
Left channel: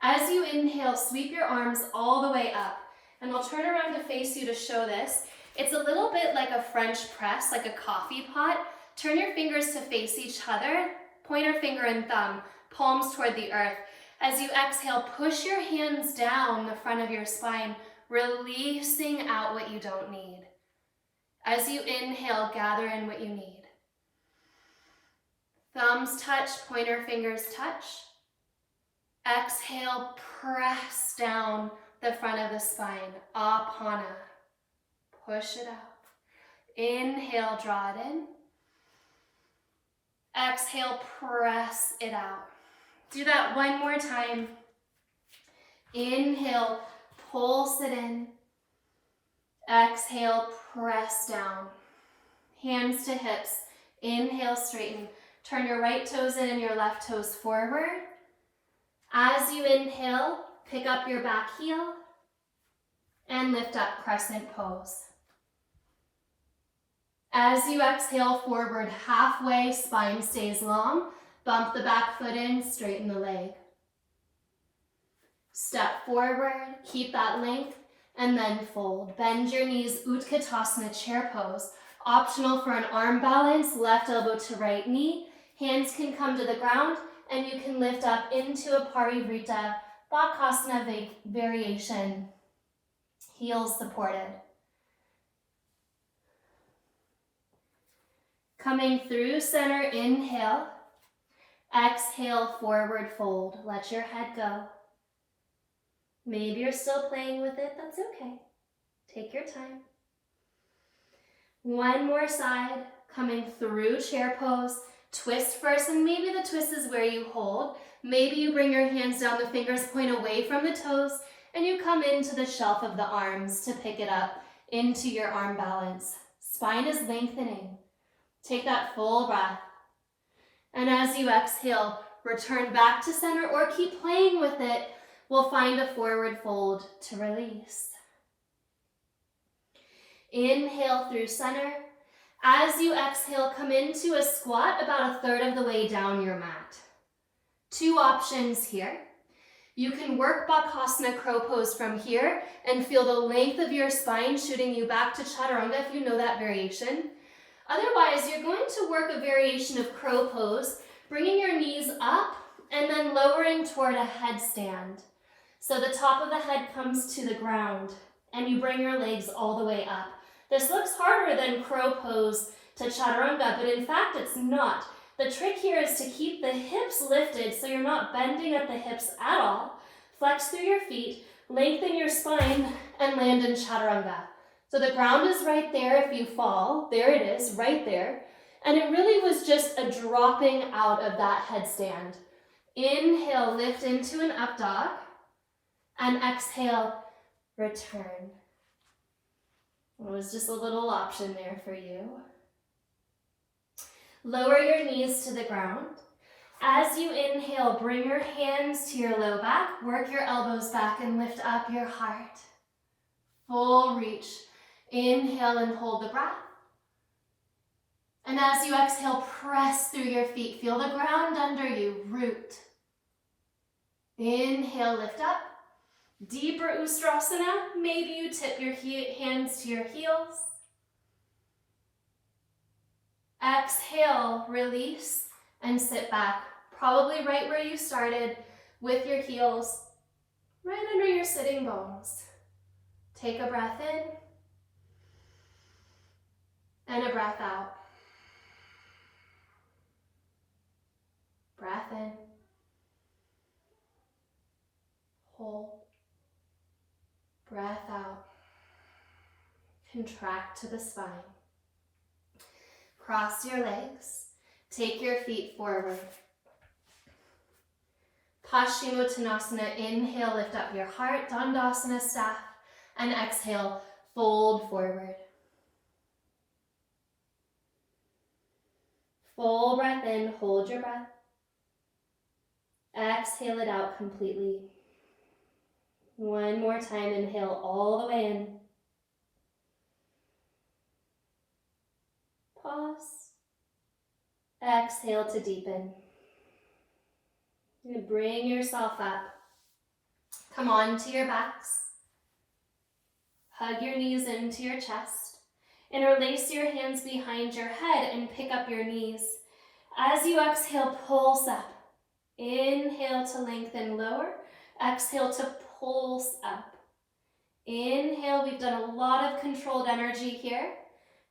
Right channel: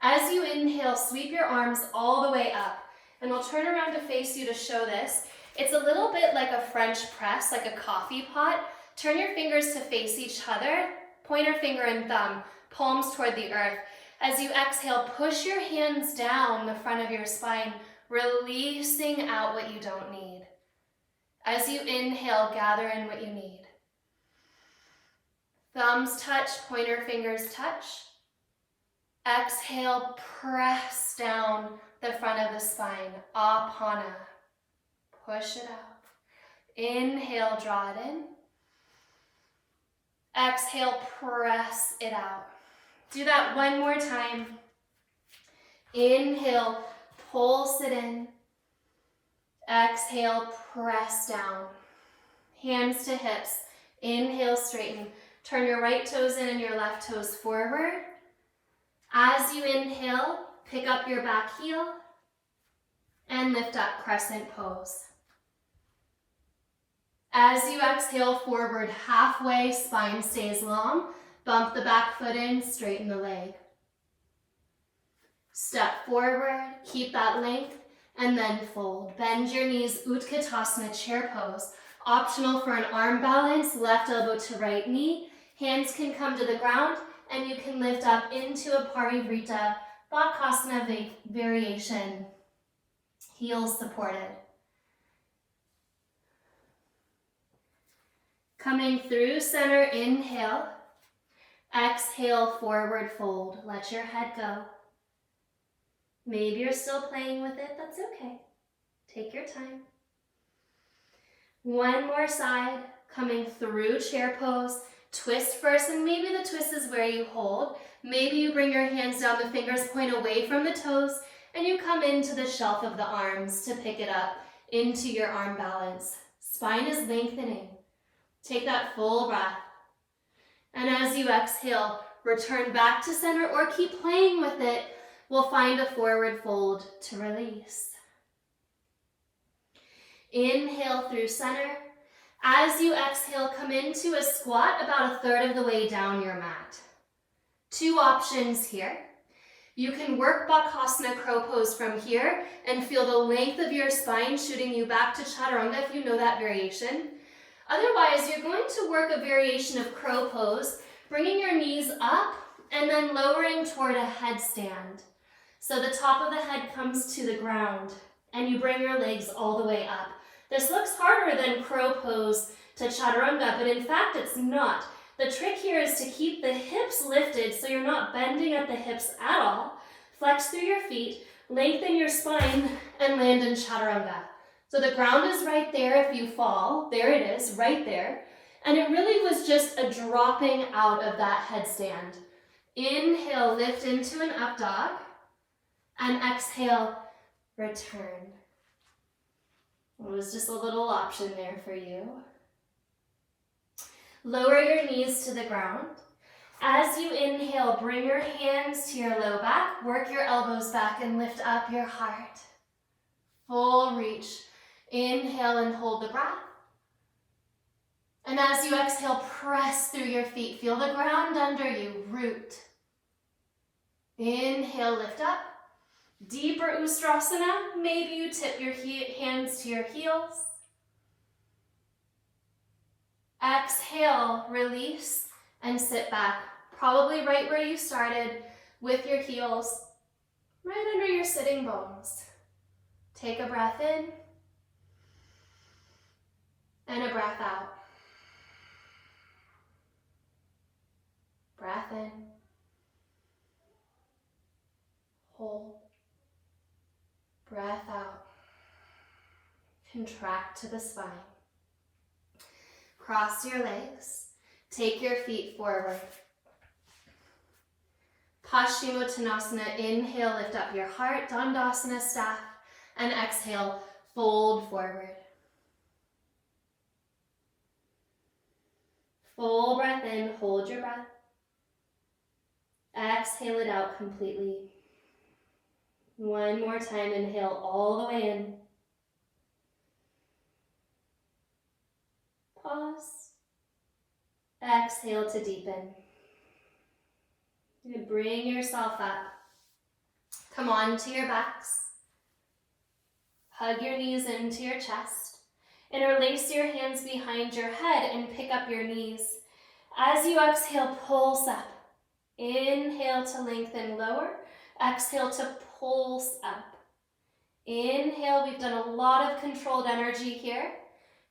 As you inhale, sweep your arms all the way up, and we'll turn around to face you to show this. It's a little bit like a French press, like a coffee pot. Turn your fingers to face each other, pointer finger and thumb, palms toward the earth. As you exhale, push your hands down the front of your spine, releasing out what you don't need. As you inhale, gather in what you need. Thumbs touch, pointer fingers touch. Exhale, press down the front of the spine, Apana. Push it out. Inhale, draw it in. Exhale, press it out. Do that one more time. Inhale, pulse it in. Exhale, press down. Hands to hips. Inhale, straighten. Turn your right toes in and your left toes forward. As you inhale, pick up your back heel and lift up, crescent pose. As you exhale forward halfway, spine stays long. Bump the back foot in, straighten the leg. Step forward, keep that length, and then fold. Bend your knees, Utkatasana, chair pose. Optional for an arm balance, left elbow to right knee. Hands can come to the ground, and you can lift up into a Parivrita Bakasana variation. Heels supported. Coming through center, inhale. Exhale, forward fold. Let your head go. Maybe you're still playing with it. That's okay. Take your time. One more side. Coming through chair pose. Twist first, and maybe the twist is where you hold. Maybe you bring your hands down, the fingers point away from the toes, and you come into the shelf of the arms to pick it up into your arm balance. Spine is lengthening. Take that full breath. And as you exhale, return back to center or keep playing with it. We'll find a forward fold to release. Inhale through center. As you exhale, come into a squat about a third of the way down your mat. 2 options here. You can work Bakasana crow pose from here and feel the length of your spine shooting you back to Chaturanga if you know that variation. Otherwise, you're going to work a variation of crow pose, bringing your knees up and then lowering toward a headstand. So the top of the head comes to the ground and you bring your legs all the way up. This looks harder than crow pose to Chaturanga, but in fact it's not. The trick here is to keep the hips lifted so you're not bending at the hips at all. Flex through your feet, lengthen your spine, and land in chaturanga. So the ground is right there if you fall. There it is, right there. And it really was just a dropping out of that headstand. Inhale, lift into an up dog. And exhale, return. It was just a little option there for you. Lower your knees to the ground. As you inhale, bring your hands to your low back, work your elbows back and lift up your heart. Full reach. Inhale and hold the breath. And as you exhale, press through your feet. Feel the ground under you, root. Inhale, lift up. Deeper Ustrasana. Maybe you tip your hands to your heels. Exhale, release, and sit back. Probably right where you started, with your heels right under your sitting bones. Take a breath in and a breath out. Breath in. Hold. Breath out. Contract to the spine. Cross your legs. Take your feet forward. Paschimottanasana, inhale, lift up your heart, Dandasana staff, and exhale, fold forward. Full breath in, hold your breath. Exhale it out completely. One more time, inhale all the way in. Pause. Exhale to deepen. You're going to bring yourself up. Come on to your backs. Hug your knees into your chest. Interlace your hands behind your head and pick up your knees. As you exhale, pulse up. Inhale to lengthen lower. Exhale to pulse up. Inhale, we've done a lot of controlled energy here.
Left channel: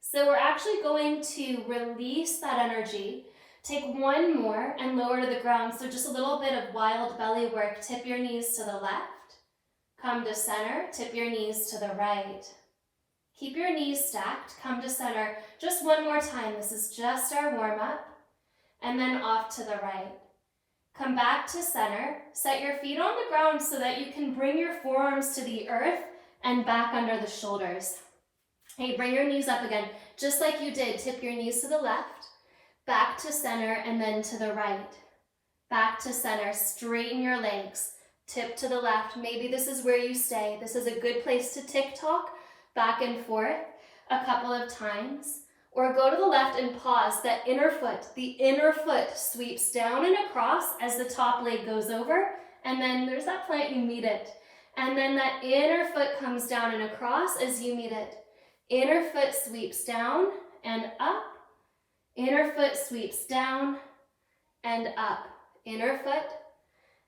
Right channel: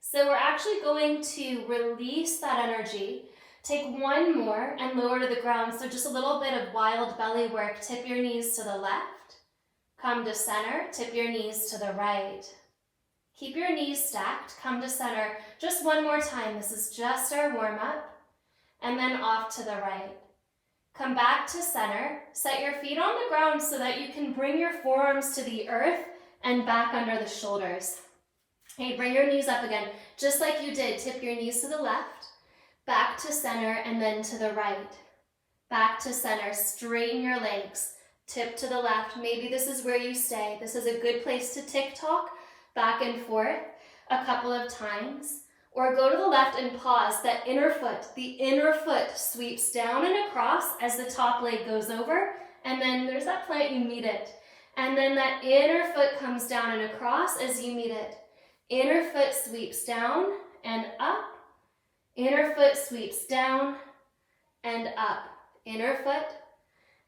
So we're actually going to release that energy. Take one more and lower to the ground. So just a little bit of wild belly work. Tip your knees to the left. Come to center. Tip your knees to the right. Keep your knees stacked. Come to center. Just one more time. This is just our warm-up. And then off to the right. Come back to center. Set your feet on the ground so that you can bring your forearms to the earth and back under the shoulders. Okay, bring your knees up again. Just like you did, tip your knees to the left, back to center, and then to the right. Back to center, straighten your legs, tip to the left. Maybe this is where you stay. This is a good place to tick-tock back and forth a couple of times. Or go to the left and pause. That inner foot, the inner foot sweeps down and across as the top leg goes over. And then there's that point, you meet it. And then that inner foot comes down and across as you meet it. Inner foot sweeps down and up. Inner foot sweeps down and up. Inner foot.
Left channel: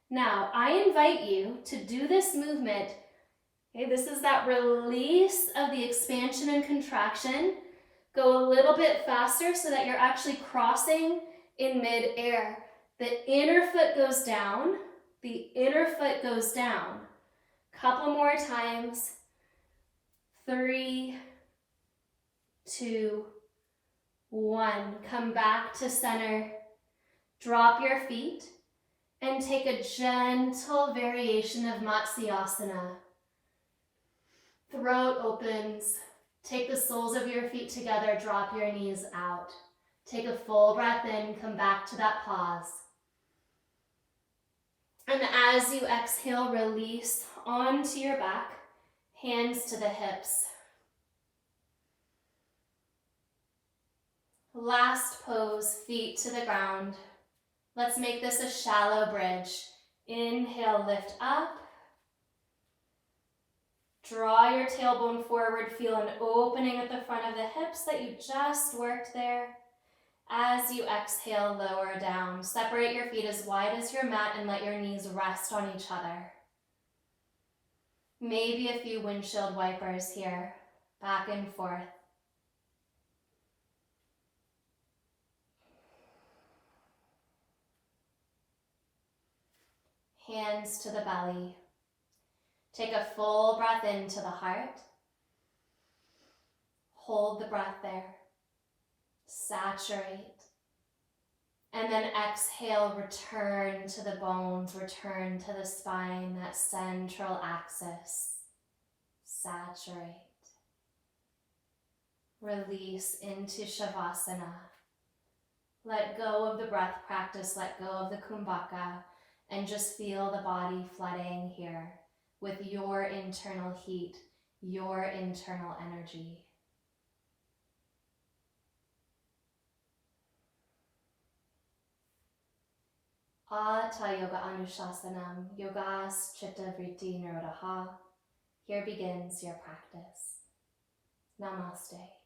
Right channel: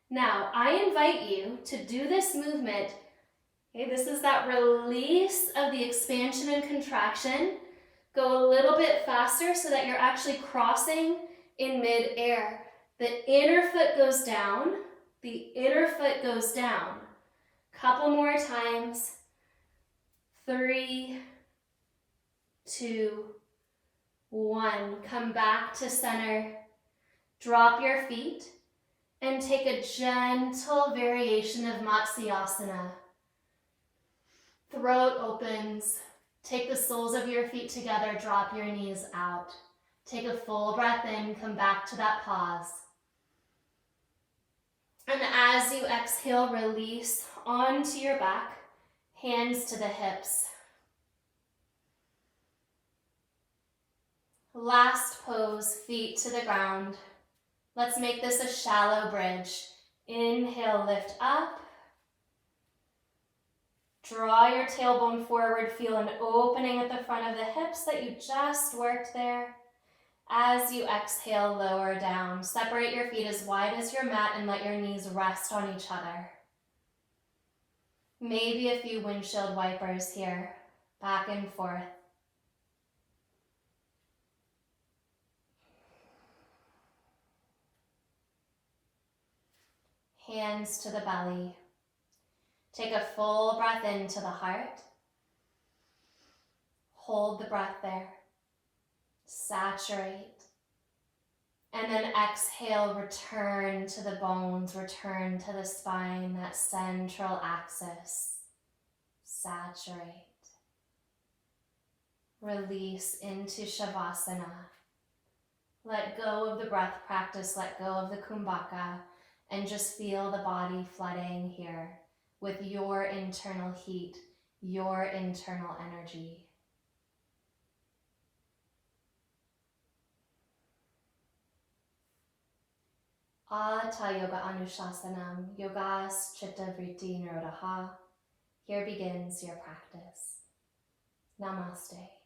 Now, I invite you to do this movement. Okay, this is that release of the expansion and contraction. Go a little bit faster so that you're actually crossing in mid-air. The inner foot goes down. The inner foot goes down. Couple more times. 3, 2, 1. Come back to center. Drop your feet and take a gentle variation of Matsyasana. Throat opens. Take the soles of your feet together, drop your knees out. Take a full breath in, come back to that pause. And as you exhale, release onto your back, hands to the hips. Last pose, feet to the ground. Let's make this a shallow bridge. Inhale, lift up. Draw your tailbone forward, feel an opening at the front of the hips that you just worked there. As you exhale, lower down. Separate your feet as wide as your mat and let your knees rest on each other. Maybe a few windshield wipers here, back and forth. Hands to the belly. Take a full breath into the heart. Hold the breath there. Saturate. And then exhale, return to the bones, return to the spine, that central axis. Saturate. Release into Shavasana. Let go of the breath practice, let go of the Kumbhaka, and just feel the body flooding here with your internal heat, your internal energy. Ata Yoga Anushasanam, Yogas Chitta Vritti Nirodha. Here begins your practice. Namaste.